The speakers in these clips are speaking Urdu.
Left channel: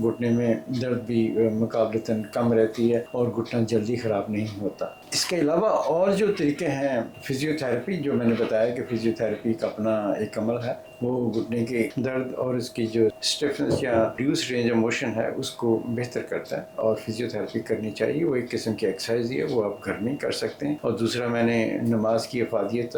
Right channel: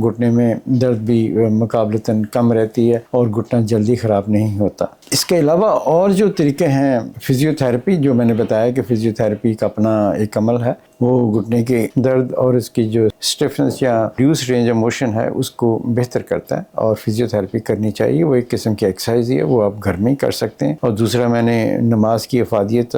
گھٹنے میں درد بھی مقابلتاً کم رہتی ہے اور گھٹنا جلدی خراب نہیں ہوتا۔ اس کے علاوہ اور جو طریقے ہیں فزیو تھیراپی، جو میں نے بتایا کہ فزیو تھیراپی کا اپنا ایک عمل ہے، وہ گھٹنے کے درد اور اس کی جو اسٹیفنس یا ریڈیوس رینج آف موشن ہے اس کو بہتر کرتا ہے، اور فزیو تھیراپی کرنی چاہیے۔ وہ ایک قسم کی ایکسرسائز ہے، وہ آپ گھر میں ہی کر سکتے ہیں۔ اور دوسرا، میں نے نماز کی افادیت،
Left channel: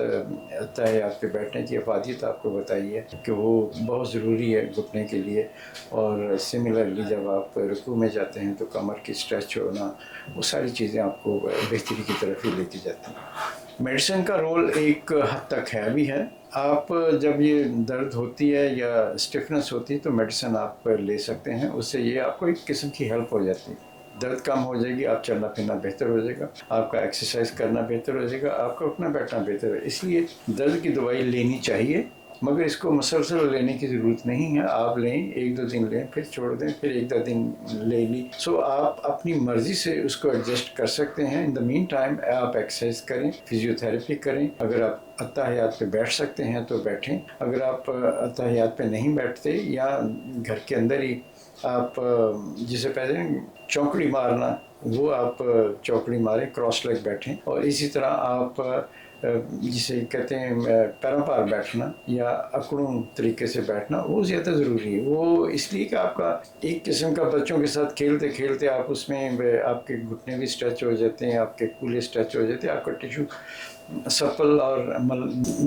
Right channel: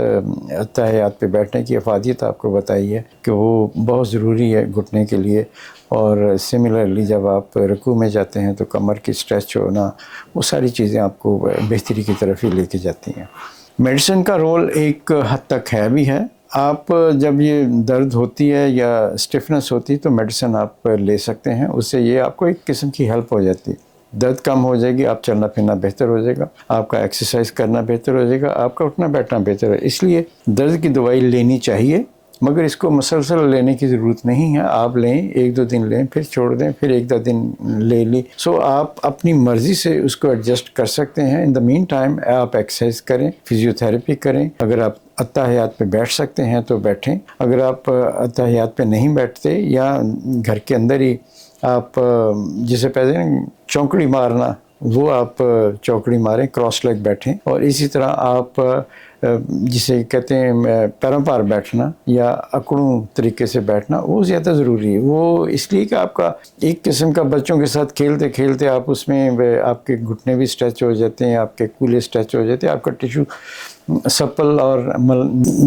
تہیات پہ بیٹھنے کی افادیت آپ کو بتائی ہے کہ وہ بہت ضروری ہے گھٹنے کے لیے۔ اور سملرلی جب آپ رکوع میں جاتے ہیں تو کمر کی اسٹریچ ہونا، وہ ساری چیزیں آپ کو بہتری کی طرف ہی لے کے جاتی ہیں۔ میڈیسن کا رول ایک حد تک ہے بھی ہے۔ آپ جب یہ درد ہوتی ہے یا اسٹفنس ہوتی ہے تو میڈیسن آپ لے سکتے ہیں، اس سے یہ آپ کو ایک قسم کی ہیلپ ہو جاتی ہے، درد کم ہو جائے گی، آپ چلنا پھرنا بہتر ہو جائے گا، آپ کا ایکسرسائز کرنا بہتر ہو جائے گا، آپ کا اٹھنا بیٹھنا بہتر ہے۔ اس لیے درد کی دوائی لینی چاہیے، مگر اس کو مسلسل لینے کی ضرورت نہیں ہے۔ آپ لیں، 1-2 دن لیں، پھر چھوڑ دیں، پھر 1-2 دن لے لی۔ آپ اپنی مرضی سے اس کو ایڈجسٹ کر سکتے ہیں۔ ان دا مین ٹائم آپ ایکسرسائز کریں، فزیو تھیراپی کریں۔ اگر آپ اتحیات پہ بیٹھ سکتے ہیں تو بیٹھیں، اگر آپ اتحیات پہ نہیں بیٹھتے یا گھر کے اندر ہی آپ جسے کہتے ہیں چونکڑی مارنا، وہ آپ چوکڑی ماریں، کراس لیگ بیٹھیں۔ اور اسی طرح آپ جسے کہتے ہیں پیروں پار بیٹھنا یا اکڑوں طریقے سے بیٹھنا، وہ زیادہ ضروری ہے۔ وہ اس لیے کہ آپ کا ایک قسم کا بچوں کے ساتھ کھیلتے کھیلتے آپ اس میں آپ کے گھٹنے بھی اسٹریچ ہو جاتے ہیں، آپ کے کولے اسٹریچ ہو جاتے ہیں، آپ کا ٹیشو سپل اور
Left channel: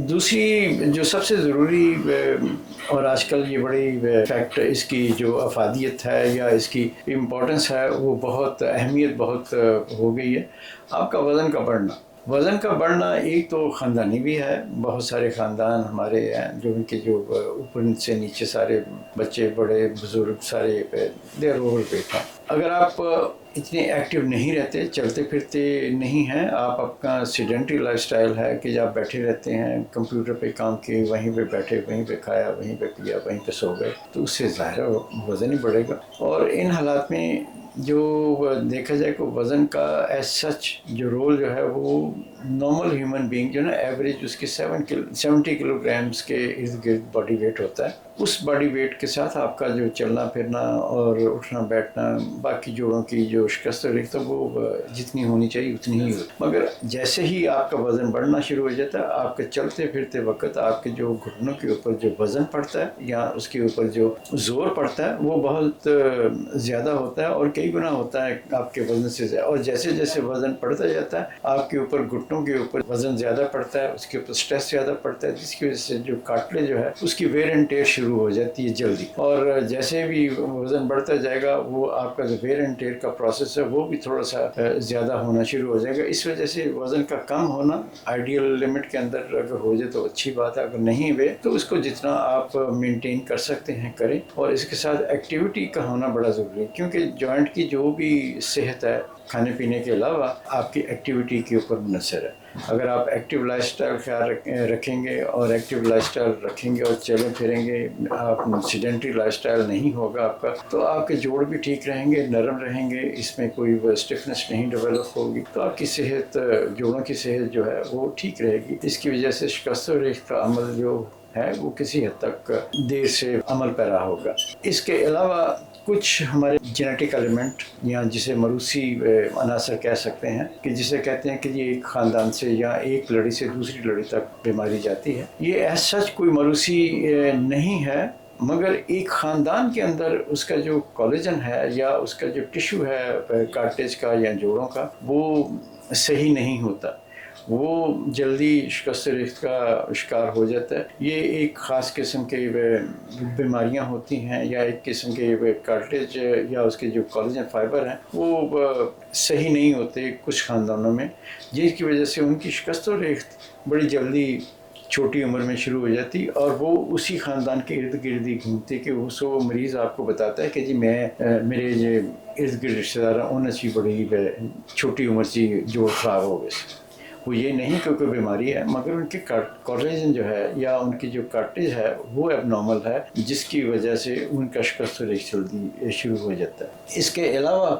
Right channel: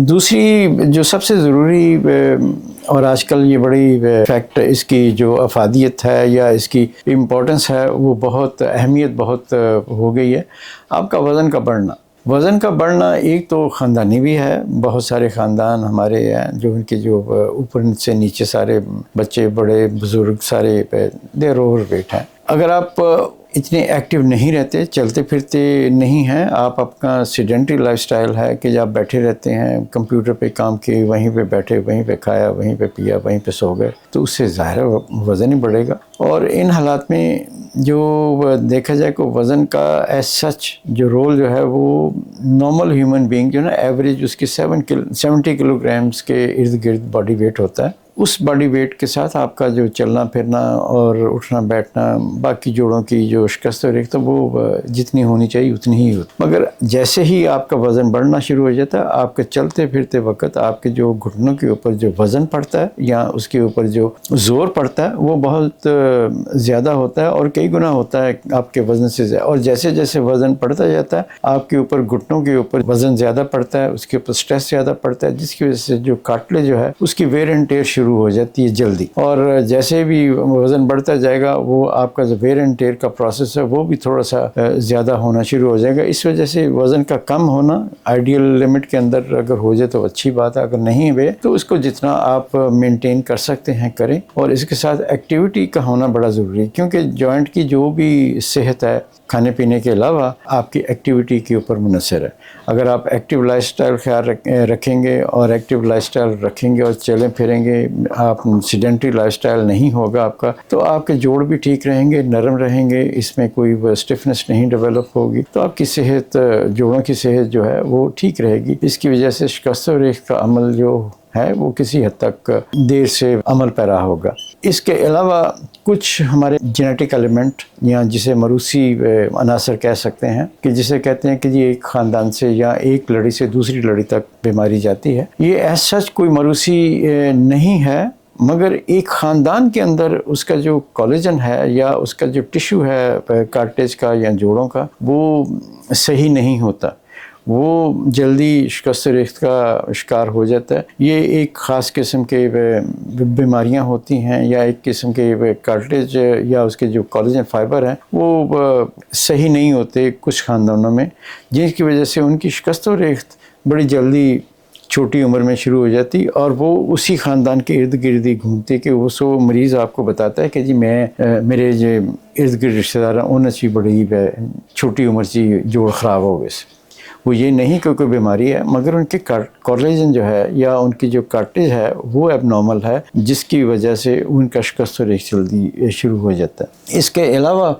دوسری جو سب سے ضروری اور آج کل یہ بڑی فیکٹ اس کی جو افادیت ہے یا اس کی امپورٹنس ہے، وہ بہت اہمیت بہت ہو گئی ہے، آپ کا وزن کا بڑھنا۔ وزن کا بڑھنا ایک تو خاندانی بھی ہے، بہت سارے خاندان ہمارے ہیں جو ان کے جو اوپر سے نیچے سارے بچے بڑے بزرگ سارے دیر اوور ویٹ ہیں۔ اگر آپ اتنے ایکٹیو نہیں رہتے، چلتے پھرتے نہیں ہیں، آپ اپنا سیڈنٹری لائف سٹائل ہے کہ آپ بیٹھے رہتے ہیں، کمپیوٹر پہ کام کیے، وہیں پہ بیٹھے، وہیں پہ کھایا، وہیں پہ پیا، وہیں پہ سو گئے، تو اس سے ظاہر وزن ہی بڑھے گا۔ اور ان حالات میں جو دیکھا جائے کہ وزن کا ایز سچ جو رول جو ہے وہ نارمل ہیومن بینگ جو ہے نا، ایوریج اس کی 70 کلو گرامز کے ارد گرد باڈی ویٹ ہوتا ہے۔ اس باڈی ویٹ کے ساتھ آپ کا جو چلنا پھرنا اور اٹھنا بیٹھنا، باقی جوڑوں کی جو شکست اور تو وہ جتنی ہونی چاہیے اتنی ہی ہوتی، مگر جیسے ہی آپ کا وزن بڑھنا شروع ہو جاتا ہے، آپ کے چلتے پھرتے وقت آپ کے جو گھٹنوں کے اوپر جو وزن پڑتا ہے یا اس کے اوپر جو زور پڑتا ہے وہ بہت زیادہ ہوتا ہے، اور کئی گنا ہوتا ہے آپ کے وزن سے زیادہ۔ اور جیسے جیسے وزن پڑتا جاتا ہے آپ کے اوپر گھٹنوں کے اوپر وزن زیادہ پڑتا ہے، اس کے اوپر سٹریس زیادہ پڑتا ہے، جس کی وجہ سے جو کارٹلیج جو ہے اس کی ویئر اینڈ ٹیئر شروع ہو جاتی ہے جلدی۔ اور جیسے بھی وزن بڑھتا جائے گا وہ آپ کا جو ویئر اینڈ ٹیئر کا پروسیس ہے وہ بھی تھوڑا سا زیادہ ہونا شروع ہو جائے گا۔ اس وجہ سے وزن کا کم ہونا آئیڈیل لمٹ کے اندر اگر ہو جائے تو اچھی بات ہے، اگر نہیں ہوئے تو اس کو جتنا آپ مینٹین کر سکتے ہیں کریں۔ اور اس کے ساتھ ایکٹیویٹی کا ہونا بڑا ضروری ہے، کیونکہ جوائنٹ کی جو بھی صحت ہے کھانے پینے کے علاوہ آپ کی ایکٹیویٹی کے اوپر منحصر ہے۔ اگر آپ ایکٹیو لائف سٹائل خیال رکھیں گے اور ایکٹیو لائف سٹائل رکھیں گے اور چلیں پھریں گے، آپ سیڈنٹری لائف سٹائل نہیں ہوگا آپ کا، تو آپ کے جوڑ بھی ٹھیک رہیں گے، نرم رہیں گے، اس میں کوئی اسٹفنس نہیں ڈیولپ ہوگی، تو آپ کی صحت، جوڑوں کی صحت جو ہے وہ ٹھیک رہے گی۔ اس کی وجہ سے شکست و ریخت کا عمل جو ہے وہ کسی حد تک دیر سے عمل پیرا ہوگا۔ اس کے علاوہ کچھ ہمارے جینیٹک ایلیمنٹ یا جسے موروثی عناصر کہہ سکتے ہیں، کہ جسے کہتے ہیں کہ یہ ایک خاندان سے یا ایک لڑی سے دوسری لڑی تک بیماری جاتی ہے، یہ ایز سچ کوئی موروثی نہیں ہے، مگر ایک خاندان کے اندر اس کا جو کولیجن ہے یا اس کا جو ٹیشو ہے کارٹلیج کا یا جوڑوں کا، وہ صحیح نہیں ہوتا، وہ جلدی شکست ریخت کا شکار ہو جاتا ہے۔ یہ ایک خاص قسم کے بیماریاں ہوتی ہیں، یا ایک قسم کے کارٹلیج یا اس کے جو کولیجن فائبر ہیں وہ صحیح نہیں ہوتے کچھ خاندانوں میں، جس کی وجہ سے ان کی شکست و ریخت بڑی جلدی چھوٹی عمر میں شروع ہو جاتی، اور وہ اسی خاندان کے ارد گرد ہی گھومتے کہ وہ سو مریض آپ کو بتاتا ہے کہ جی میرے جو ارد گرد رشتہ دار ہیں انہیں سے بڑی چھوٹی عمر سے جوڑ خراب ہو گئے۔ وہ یہ نہیں کہ کوئی بیماری ہے، مگر ان کے کولیجن جو ہے یا ان کی جو کارٹلیج ہے وہ اب نارمل ہے، جس کی وجہ سے ان کا شکست و ریخت جلدی شروع ہو جاتا ہے۔ اس کے علاوہ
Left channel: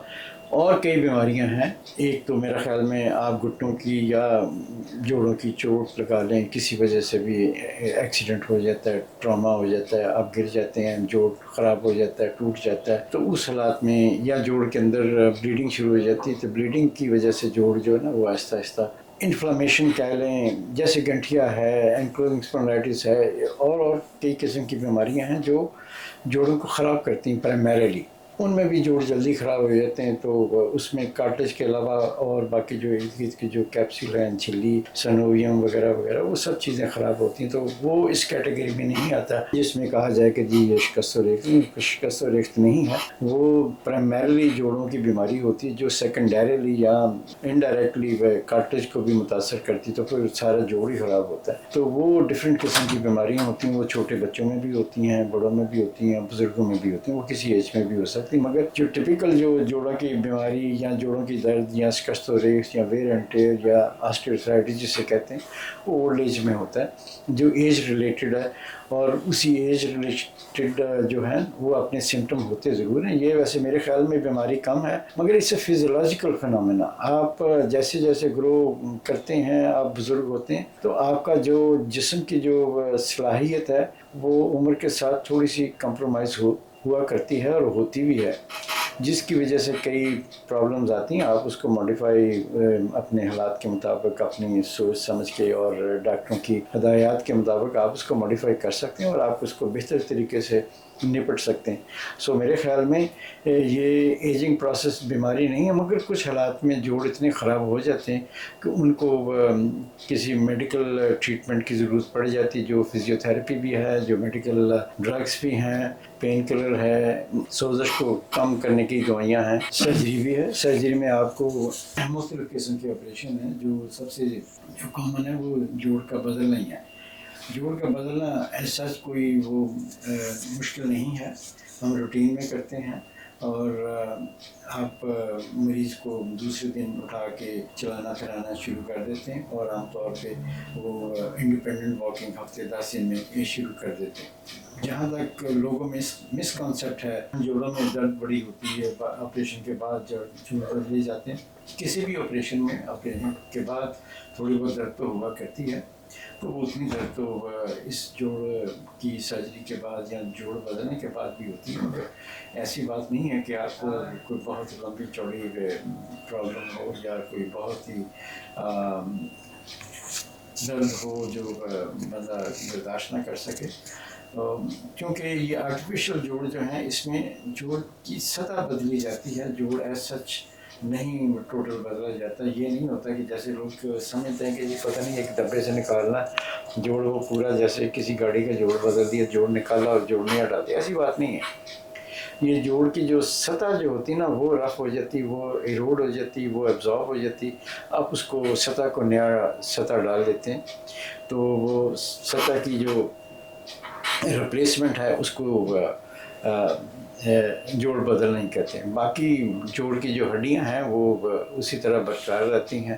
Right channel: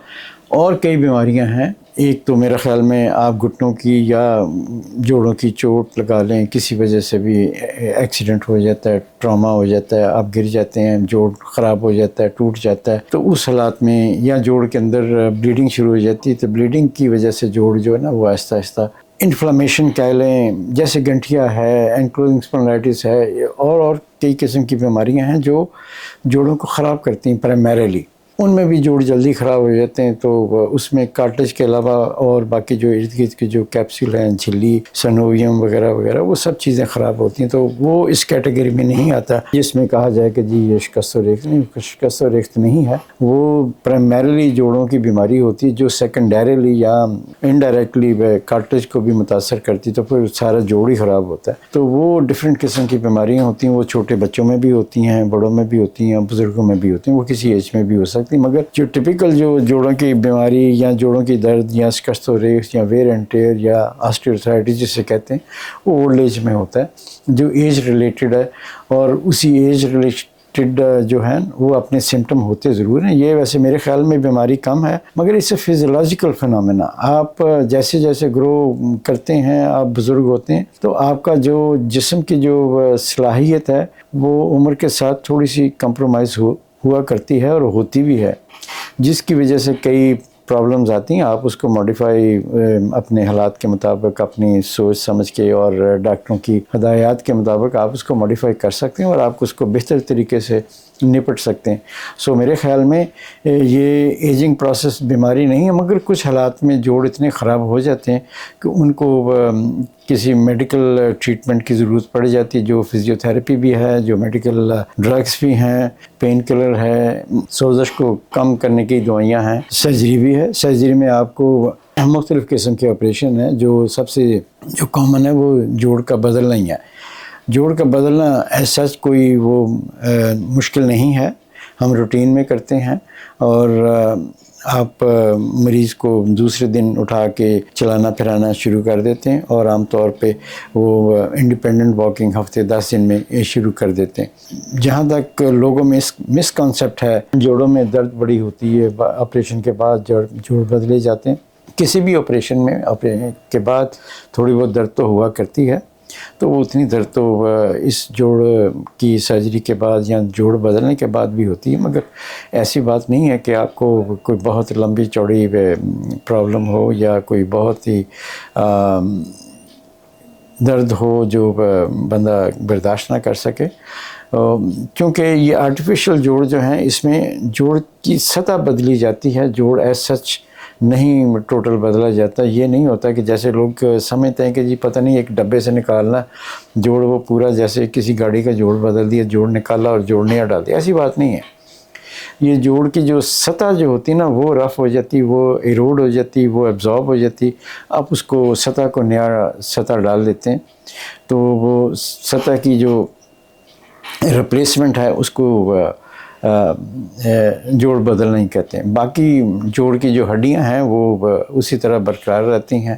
اور کئی بیماریاں ہیں. ایک تو میرا خیال میں آپ گھٹنوں کی یا جوڑوں کی چوٹ لگا لیں, کسی وجہ سے بھی ایکسیڈنٹ ہو جاتا ہے, ٹراما ہو جاتا ہے, آپ گر جاتے ہیں, جوڑ خراب ہو جاتا ہے, ٹوٹ جاتا ہے, تو اس حالات میں یا جوڑ کے اندر بلیڈنگ شروع ہو جاتی ہے, تو بلیڈنگ کی وجہ سے جوڑ جو ہے نا وہ آہستہ آہستہ انفلمیشن کہہ لیں, جیسے گنٹھیا ہے, اینکلوزنگ اسپونڈلائٹس ہے, اور کئی قسم کی بیماریاں ہیں جو جوڑوں کو خراب کرتی ہیں پرائمریلی. ان میں بھی جوڑ جلدی خراب ہو جاتے ہیں, تو اس میں کارٹلیج کے علاوہ اور باقی جو ارد گرد کے جو کیپسول ہیں, جھلی, سنوویم وغیرہ وغیرہ, وہ سب چیزیں خراب ہوتی ہیں. تو وہ اس کیٹیگری میں نہیں آتا جس میں کہا جائے کہ جی یہ شکست و ریخت. شکست و ریخت نہیں ہے, وہ پرائمریلی جوڑوں کی بیماری ہوتی ہے جو سیکنڈریلی یا انڈائریکٹلی کارٹلیج کو بھی متاثر کرتی, تو پھر سارا جوڑ ہی خراب ہوتا ہے. تو وہ ڈفرینٹ قسم کی بیماریاں ہوتی ہیں, وہ چھوٹے بچوں میں بھی ہوتی ہیں, بڑوں میں بھی ہوتی ہیں, بزرگوں میں بھی ہوتی ہیں, وہ کسی ایج میں بھی ہو سکتی. مگر جو ٹپیکل جو جوڑوں کی بیماری یا جوڑوں کی درد یا شکست و ریخت یا ویئر اینڈ ٹیئر یا آسٹیوارتھرائٹس جسے کہتے ہیں, وہ اولڈ ایج میں ہوتا ہے, جو ایج ریلیٹڈ ہے. اور اسی ایج ریلیٹڈ جو ہے وہ اپنے سمٹم ہوتے ضرور ہیں. یہ ویسے میرے خیال میں بیماری کم ہے, مگر اس سے فزیولوجیکل فنومینا, آپ جیسے جیسے گرو کرتے ہیں, آپ بزرگ ہوتے ہیں, تو آپ کا جو جسم کی جو صلاحیت ہے وہ عمر کے ساتھ تھوڑی سی کمپرومائز ہوا کرتی ہے اور ہوتی بھی ہے, جس کی وجہ سے کئی پرابلمز آتی ہیں. آپ اس کو ماڈیفائی اپنے حالات کے مطابق, اپنی سوچ سمجھ کے اور ڈاکٹروں کی ہدایات کے مطابق آپ اس کو ماڈیفائی کر سکتے ہیں اور آپ اس کو بہتر طریقے سے نپٹ سکتے ہیں. سو میرے خیال میں یہ ایجنگ پروسیس بیماری نہیں ہے, مگر کچھ حالات میں جوڑ اتنے خراب ہو جاتے ہیں کہ ان کو کسی میڈیکل ٹریٹمنٹ کی ضرورت پڑ جاتی ہے, جو فزیوتھیراپی بھی ہے, جو میڈیکل ڈرگس بھی ہیں, پین کلر ہے, سوزش کو کم کرنے کی دوائیاں ہیں, سرجری بھی ہے. سرجری میں آپ کو مختلف قسم کے آپریشن ہیں, جو سب سے جو کامن ہے وہ جوڑ کا بدلنا ہی ہے. جوڑ کا بدلنا ایسا کوئی وہ مشکل نہیں ہے, ہم روٹین میں کرتے ہیں, اور آپ مریض کو دوسرے دن اٹھا کے چلانا پھرانا شروع کر دیتے ہیں, اور عام طور پہ وہ انڈیپینڈنٹ واکنگ ہفتے 10 دن میں شروع کر دیتے ہیں. جہاں تک لوگوں میں مس کانسیپٹ ہے, جوڑوں میں درد بڑی ہوتی ہے, آپریشن کے بعد جوڑ بدلے جاتے ہیں. کسی بھی آپریشن کے بعد تھوڑی بہت درد تو ہوا کرتی ہے, تو وہ اتنی درد تو اس جوڑ کی سرجری کے بعد یا جوڑ بدلنے کے بعد بھی ہوتی ہے, مگر ایسی بات نہیں ہے کہ آپ کو کوئی بہت لمبی چوڑی پرابلم ہو یا کوئی بہت ہی درد ہو جو بندہ برداشت نہ کر سکے. کیونکہ یہ آرٹیفیشل جوڑ جو ہیں, اس میں جوڑ کی سطح بدلی جاتی ہے, جوڑ ایز سچ نہیں ٹوٹل بدلا جاتا. یہ نہیں ہوتا کہ جیسے لوگ سمجھتے ہیں کہ جی پتہ نہیں ایک ڈبے سے نکالنا جوڑ, وہ پورا جیسے کسی گاڑی کا جوڑ بدل دیا, جوڑ نکالا اور جوڑ نیا ڈال دیا. ایسی بات نہیں ہے. یہ جوڑ کی جو سطح جو ہوتی نا وہ رف ہو جاتی, وہ ایروڈ ہو جاتی, وہ ایبزارب ہو جاتی. آپ اس کو سطح کو نیا سطح ڈال دیتے ہیں, تو وہ سطح کی جو ریپلیسمنٹ ہے اس کو جوڑ بدل نہیں کہتے ہیں. باقی جوڑ کی جو ہڈیاں ہیں وہ اسی طرح برقرار رہتی ہیں,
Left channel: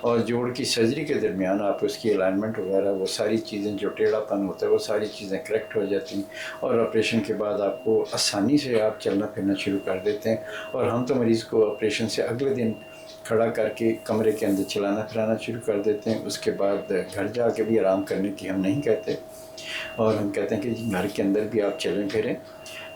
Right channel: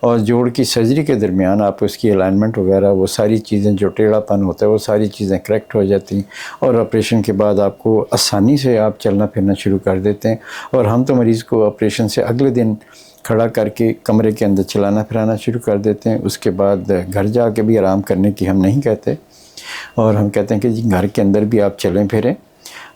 اور جوڑ کی سرجری کے درمیان آپ اس کی الائنمنٹ وغیرہ وہ ساری چیزیں جو ٹیڑھا پن ہوتا ہے وہ ساری چیزیں کریکٹ ہو جاتی ہیں, اور آپریشن کے بعد آپ کو آسانی سے آپ چلنا پھرنا شروع کر دیتے ہیں. اور ہم تو مریض کو آپریشن سے اگلے دن کھڑا کر کے کمرے کے اندر چلانا پھرانا شروع کر دیتے ہیں. اس کے بعد گھر جا کے بھی آرام کرنے کی ہم نہیں کہتے, اور ہم کہتے ہیں کہ جی گھر کے اندر بھی آپ چلیں پھریں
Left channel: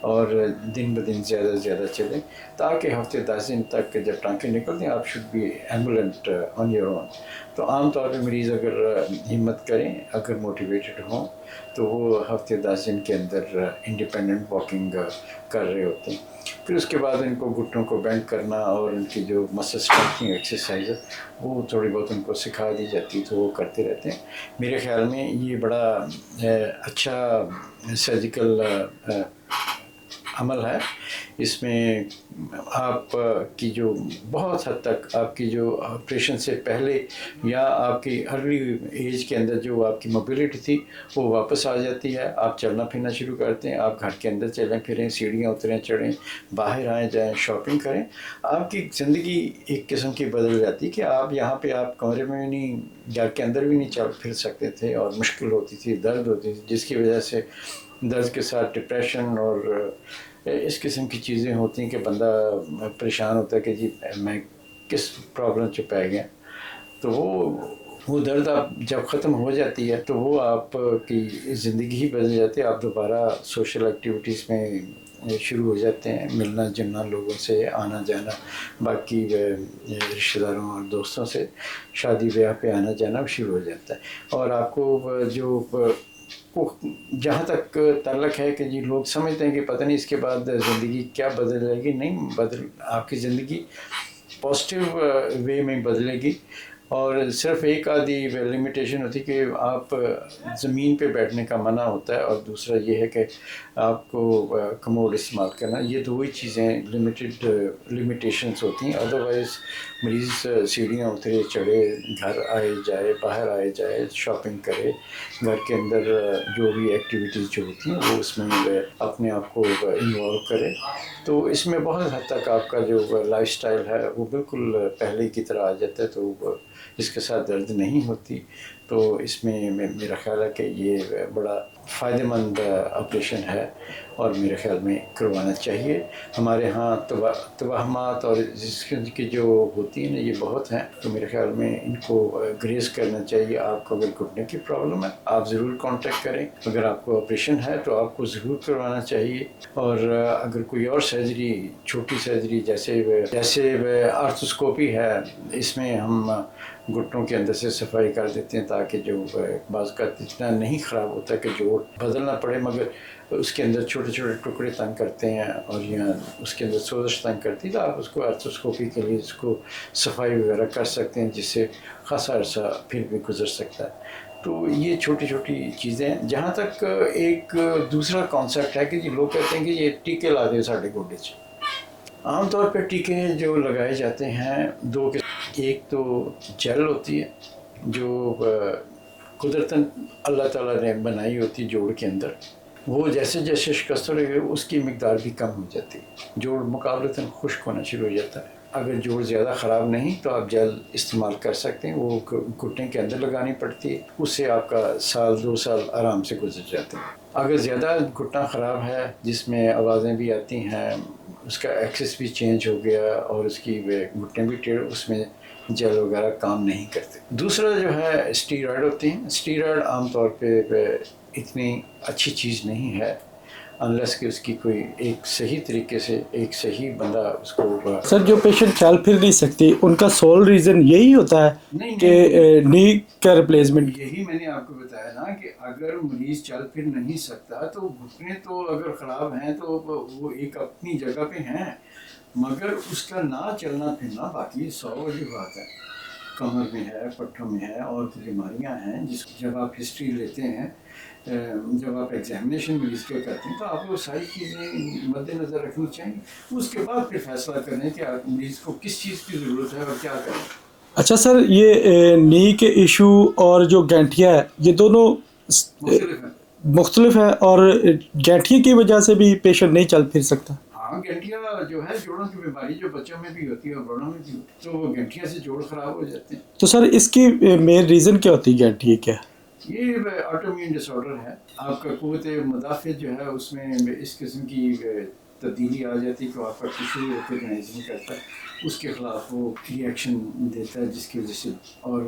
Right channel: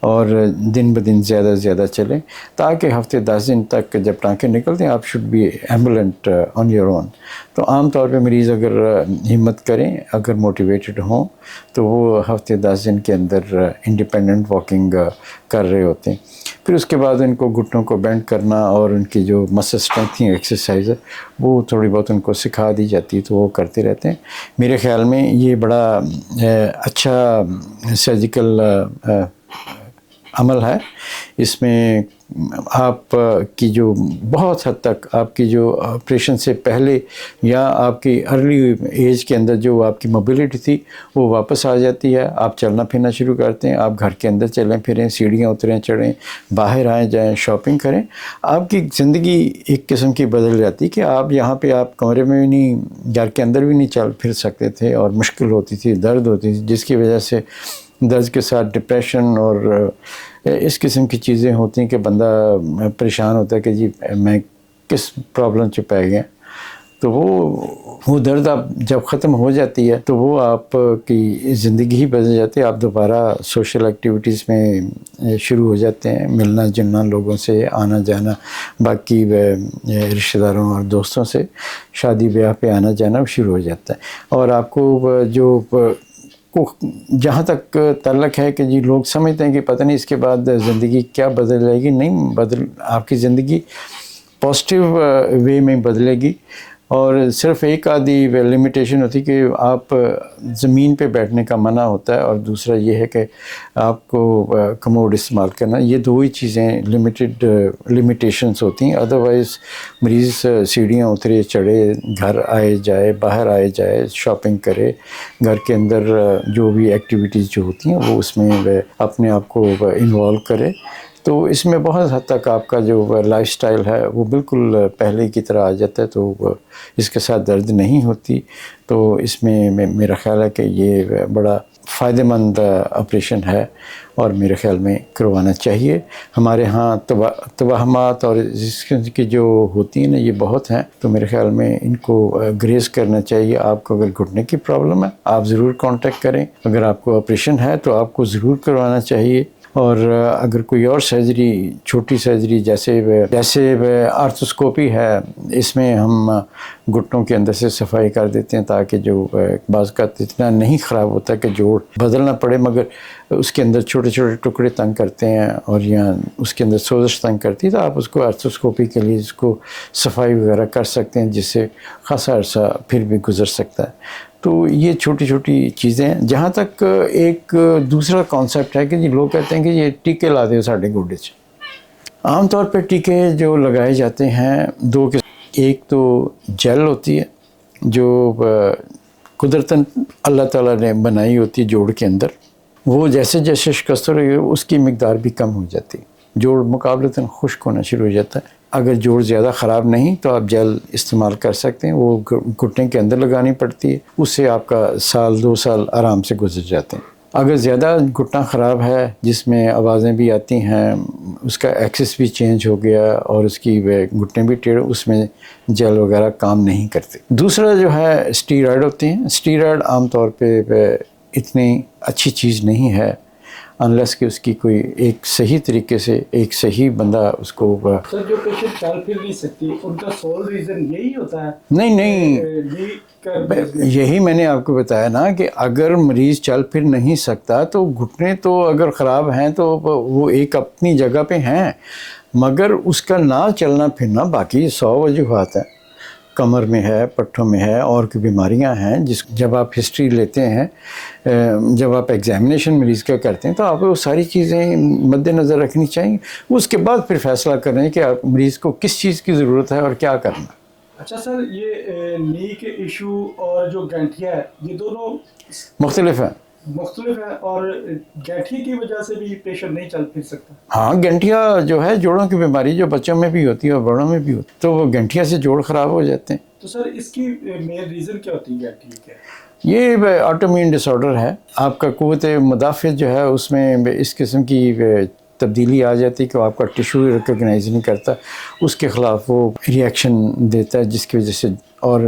اور دن بدن زیادہ سے زیادہ چلیں, تاکہ ہفتے 10 دن تک جب ٹانکے نکلتے ہیں آپ should be ambulant on your own. تو عام طور پہ مریض اگر ہمت کریں, اگر موٹیویٹڈ ہوں, تو وہ ہفتے 10 دن کے اندر انڈیپینڈنٹ واکنگ کر رہے ہوتے ہیں. پھر اس کے بعد ان کو گھٹنوں کو بینڈ کرنا اور ان کی جو مسل اسٹرینتھنگ ایکسرسائز ہے وہ تھوڑی بہت ان کو سکھا دی جاتی ہے, تو وہ کرتے رہتے ہیں. میرے خیال میں یہ بڑا اچھا سرجیکل عمل ہے. اس میں آپ کی جو بہت حد تک آپ کی جو آپریشن سے پہلے یا آپ کی ارلی ایج کے اندر جو آپ کی موبلٹی تھی وہ واپس آ جاتی ہے. آپ چلنا پھرنا شروع کرتے ہیں, آپ گھر کے اندر چلیں پھریں, سیڑھیاں اتریں چڑھیں, باہر آئیں جائیں, شاپنگ کریں. آپ کی زندگی ایک قسم کی بدل جاتی کہ آپ یہاں پہ آپ کمرے میں بھی نہیں, گھر کے اندر بھی نہیں چل پھر سکتے تھے, اور مشکل ہوتی تھی, درد ہوتی تھی, جس کی وجہ سے درد کے ساتھ ڈپریشن اور اس قسم کی چیزیں ہوتی ہیں کہ بندہ پریشان ہوتا ہے کہ جی میں کس پرابلم سے پہ گیا. تو وہ درد آپ جب ختم ہو جاتی ہے تو وہ آپ کی زندگی ہی بدل جاتی ہے. آپ دوبارہ سوشل ایکٹیویٹیز میں شروع ہو جاتے ہیں, ملنا جلنا لوگوں سے, آنا جانا باقی رشتہ داروں اور دوستوں سے, شادی بیاہ پہ آنا جانا شروع ہو جاتا ہے. اور آپ کو جو جہاں تک تعلق ہے کہ جی لوگ سمجھتے ہیں کہ پتہ نہیں اس کے بعد زندگی کیا بدل جائے گی, نہیں آپ کی زندگی پازیٹیو وے میں بدلے گی. اور صرف ایک آدھی لمیٹیشن ہوتی کہ آپ زمین پہ بیٹھنے کا منع ہوتا ہے, اور دوسرا یہ ہے کہ آپ کو کموڈ استعمال کرنا. یہ دو ہی چیزیں لمیٹیشنس ہوتی ہیں. ادروائز مریض سیڑھیاں اترے چڑھے, گھر آئے جائے, باہر آئے جائے, شاپنگ کرے, گھر کے اندر جو بھی ایکٹیویٹیز جو ہوتی ہیں وہ اس میں اپنے آپ کو انوالو کرے. تو اس میں بہت حد تک آپ کا جو لائف سٹائل ہے وہ بالکل پہلے کی طرح آ جاتا ہے. تو اس کے ساتھ درد نہیں ہوتی. تو اس میں میرا خیال ہے کہ یہ بڑا فائدہ مند آپریشن ہے, اور میرے خیال میں کروانا چاہیے. ہمارے ہاں توہمات اور اس کی جو ہوتی ہیں نا یہ بہت ہیں, تو میرے خیال میں ان کو گریز کرنا چاہیے. آپ کو اگر گھٹنے کی پرابلم ہے آپ ضرور کانٹیکٹ کریں. اگر آپ کو آپریشن ہے تو آپ کو ضرور کروانا چاہیے. اور اگر کوئی اور سرجری, چھوٹی سرجری جیسے آرتھوسکوپی ہے, اس میں ہم گھٹنوں کے اندر سے صفائی کر دیتے ہیں تاکہ جو بعض کا اتنا نہیں خراب ہوتا کہ جوڑ بدلنا پڑے, مگر اس کے اندر چھوٹے چھوٹے ٹکڑے تنگ کرتے ہیں اور یا اس کے اندر سوزش تنگ کرتی ہے, تو آپ اس کو آرتھوسکوپی کے لیے اس کو صفائی وغیرہ کر سکتے ہیں, جس سے خاصا عرصہ پھر بھی گزر سکتا ہے. تو یہ چھوٹی چھوٹی چیزیں ہیں. جہاں تک ایک دوسرا کانسیپٹ ہے کہ جی لوگ کہتے ہیں کہ یہ ٹیکے لا دے ساڑھے گوڈے سے. عام طور پہ ٹیکے جو لگائے جاتے ہیں دو کے, ایک تو جیل ہوتی ہے جو قدرتاً اللہ تعالیٰ نے بنائی ہوتی ہے جوڑ کے اندر. وہ جیسے جیسے شکست ہو رہی ہے اس کی مقدار بھی کم ہو جاتی ہے, جوڑ مقابلتاً خشک ہونا شروع ہو جاتا ہے. اگر جوڑ زیادہ خراب نہیں تو آپ جیل استعمال کر سکتے ہیں, وہ گھٹنے کے اندر لگانی پڑتی ہے, اس سے آپ کا سال 2 سال آرام سے گزر جاتے ہیں. اگر زیادہ گھٹنا خراب ہے جس میں آوازیں بھی آتی ہیں, اس کا ایکسس بھی چینج ہو گیا اور اس کی گھٹنے بھی ٹیڑھ, اس میں جیل وغیرہ کام نہیں کرتے. دوسرا جو ہے اسٹیرائڈ ہوتے ہیں. اسٹیرائڈ عام طور پہ اتنی اچھی چیز نہیں ہے انلیس کہ اس کی کوئی ایک صحیح طریقے سے ایک صحیح بندہ اس کو. سر جو پیشنٹ چل پھر نہیں سکتی ان کا سول ریزن یہی ہوتا ہے؟ نہیں نی کا ریپلیسمنٹ. یہی میں نے آپ کو بتایا نا کہ اگر مریض چل پھر نہیں سکتا تو گھٹنے تو اگر خراب ہیں تو وہ ایک اپنی جگہ پہ ہیں, مگر اس کا نہ چلنا پھرنا باقی 100 وجوہات ہیں. کمر میں ہے, پٹھوں میں ہے, اور کی بیماریاں ہیں جب آپ ہسٹری لیتے ہیں, جب آپ ایگزامینیشن مریض کا کرتے ہیں تو آپ کو ساری چیزیں مد نظر رکھنی چاہیے. اس کے بعد پھر فیصلہ کریں کہ آپ مریض کو کس چیز کی ضرورت ہے اور کیا کرنا. اچھا سر, یہ نی کے ایشو اور جو گینٹھیا ہے یہ دونوں مختلف ہیں. مختلف ہے, اور گینٹھیا کی وجہ سے بھی پیشنٹ نہیں چل پھر سکتا. ہاں, گنٹھیا جو ہے جوڑوں کی بیماری جو بچوں میں بھی ہوتی ہے اور بڑوں میں بھی ہوتی ہے, تو وہ گنٹھیا سے جوڑ خراب ہو جاتے ہیں. تو سر اس کی مین ریزن کیا ہوتی ہے گینٹھیا کیا؟ یہ آٹومیون ڈس آرڈر ہے. آپ کا قوت مدافعت جو ہے اس میں اس قسم کی تبدیلی آ جاتی ہے کہ آپ کا ٹیشو ریکگنائز نہیں کرتا, اس کے خلاف وہ ریئیکشن دیتا ہے جس کی وجہ سے اور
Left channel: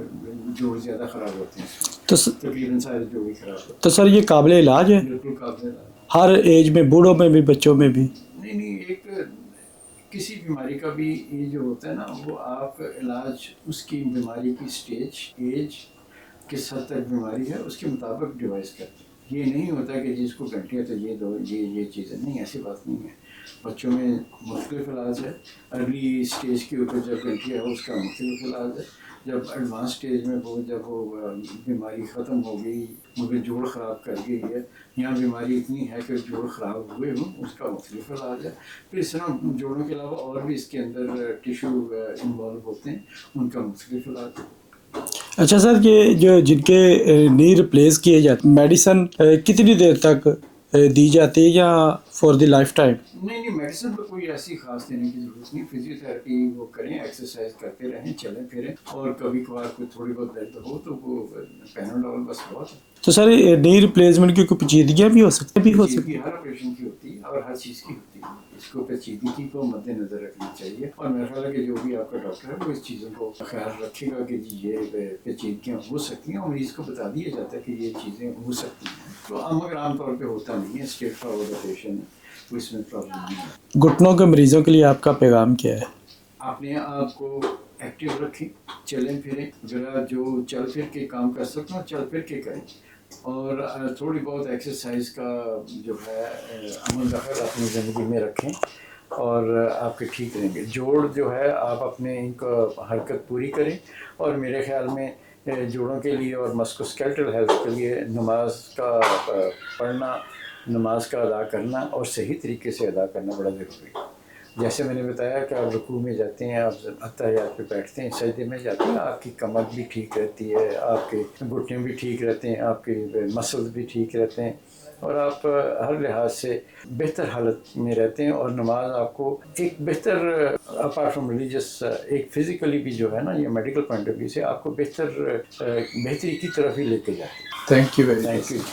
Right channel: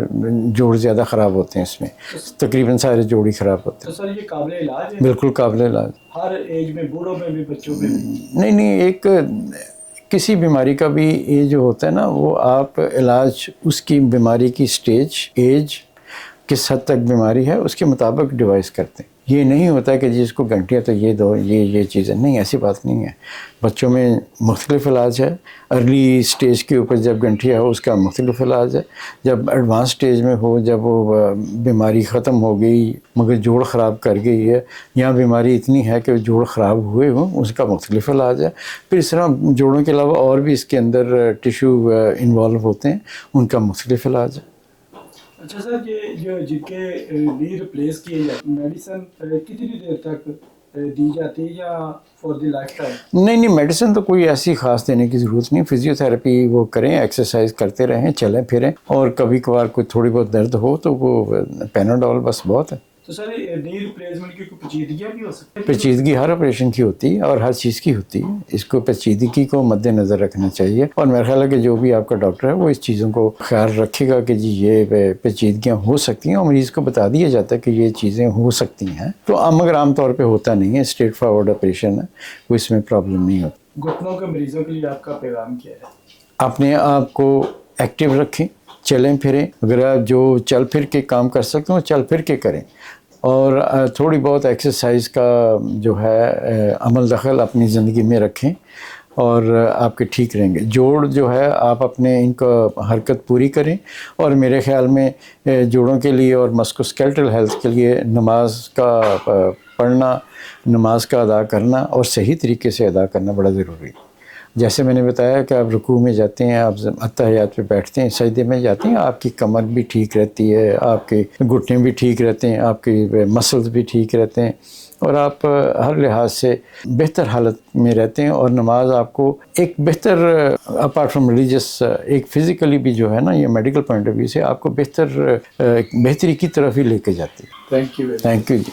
جوڑ زیادہ خراب ہوتے ہیں. اس میں تو تقریباً سارے جوڑ ہی خراب ہوتے ہیں. تو سر یہ قابل علاج ہے؟ بالکل قابل علاج, ہر ایج میں, بوڑھوں میں بھی بچوں میں بھی؟ نہیں, ایک کسی بیماری کا بھی یہ جو ہوتا ہے نا وہ آپ علاج اس کی بیماری کی سٹیج, ایج, کس حد تک بیماری ہے اس کے مطابق ڈیوائز کرتے ہیں. یہ نہیں ہوتا کہ جس کو گنٹھیا تو یہ دو, یہ چیزیں نہیں, ایسی بات نہیں ہے. بچوں میں مختلف علاج ہے, ارلی سٹیج کے اوپر جب گنٹھیا ہو اس کا مختلف علاج ہے, جب ایڈوانس سٹیج میں ہو, جب وہ بیماری ختم ہو گئی مگر جوڑ خراب کر گئی ہے, یا بیماری اتنی ہے کہ جوڑ خراب ہوئے ہوں, اس کا مختلف علاج ہے. پھر اس طرح جوڑوں کے علاوہ اور بھی اس کے اندر ٹیشو انوالو ہوتے ہیں, ان کا مختلف علاج ہے. اچھا سر, یہ جو جن کے نی ریپلیس کیے جاتے میڈیسن کتنی دیر تک دی جاتی ہے یا فور دی لائف ٹائم؟ نہیں, میڈیسن تو کوئی ایسی خاص دینے کی ضرورت نہیں. فزیو تھراپی وہ کریں, ایکسرسائز کرتے رہیں, چلیں پھریں, اور کبھی کبھار کوئی تھوڑی بہت درد ہو تو وہ پیناڈول بس بہت ہے. تو سر نی ریپلیسمنٹ کی کوئی پیچیدگیاں بھی ہو سکتی ہیں؟ پیچیدگی ہر آپریشن کی ہوتی ہے اور ہر چیز کی ہوتی ہے، اس کو پیچیدگی کو مد نظر رکھنا چاہیے، اور میرا خیال ہے کہ جو بھی آپ کا ڈاکٹر ہے وہ اس چیزوں کو خیال رکھے گا کہ جی یہ پیچیدگیاں ہو سکتی ہیں، اور مریض کو بتا دیا جاتا ہے کہ یہ چیزیں ہو سکتی ہیں، تو مگر عام طور پہ ہوتا نہیں ہے، اسٹریٹ فارورڈ آپریشن ہے، کوئی اس میں پرابلم نہیں ہوتی۔ گھٹنوں کے مریضوں کے لیے آپ کا پیغام کیا ہے؟ اپنے آپ کو ایکٹیو رکھیں، چلیں پھریں، اگر آپ جو چل پھر کے کام کر سکتے ہوں چل پھر کے کریں، اور تھوڑی بہت ایکسرسائز کا جو ہے عمل دخل اپنی زندگی میں رکھیں، اور آپ کے ٹھیک رہیں گے۔ جوڑ جو ہے آپ اپنے ان کا حرکت پوری کریں، اور میرے خیال میں جوڑوں کے لیے اور مسکوسکیلٹل ہیلتھ کے لیے نماز کا پڑھنا، نماز کا ادا کرنا اور صحیح طریقے سے ادا کرنا بڑا ضروری ہے۔ جیسے میں نے بتایا کہ آپ رکوع میں جاتے ہیں، آپ اتحیات پہ بیٹھتے ہیں، سجدے میں جاتے ہیں، آپ کی کمر بھی ٹھیک رہتی ہے، آپ کے گھٹنے بھی ٹھیک رہتے ہیں، آپ کے مسلز بھی ٹھیک رہتے ہیں، اور آپ ہر لحاظ سے بہتر حالت میں رہتے ہیں، اور نماز آپ کو ایک بہتر اپارٹ فرام ریلیجس ایک فزیکلی بھی جو ہے نا، یہ میڈیکل پوائنٹ آف ویو سے آپ کو بہتری کی طرف ہی لے کے جاتی ہے۔ Thank you very much. Thank you G.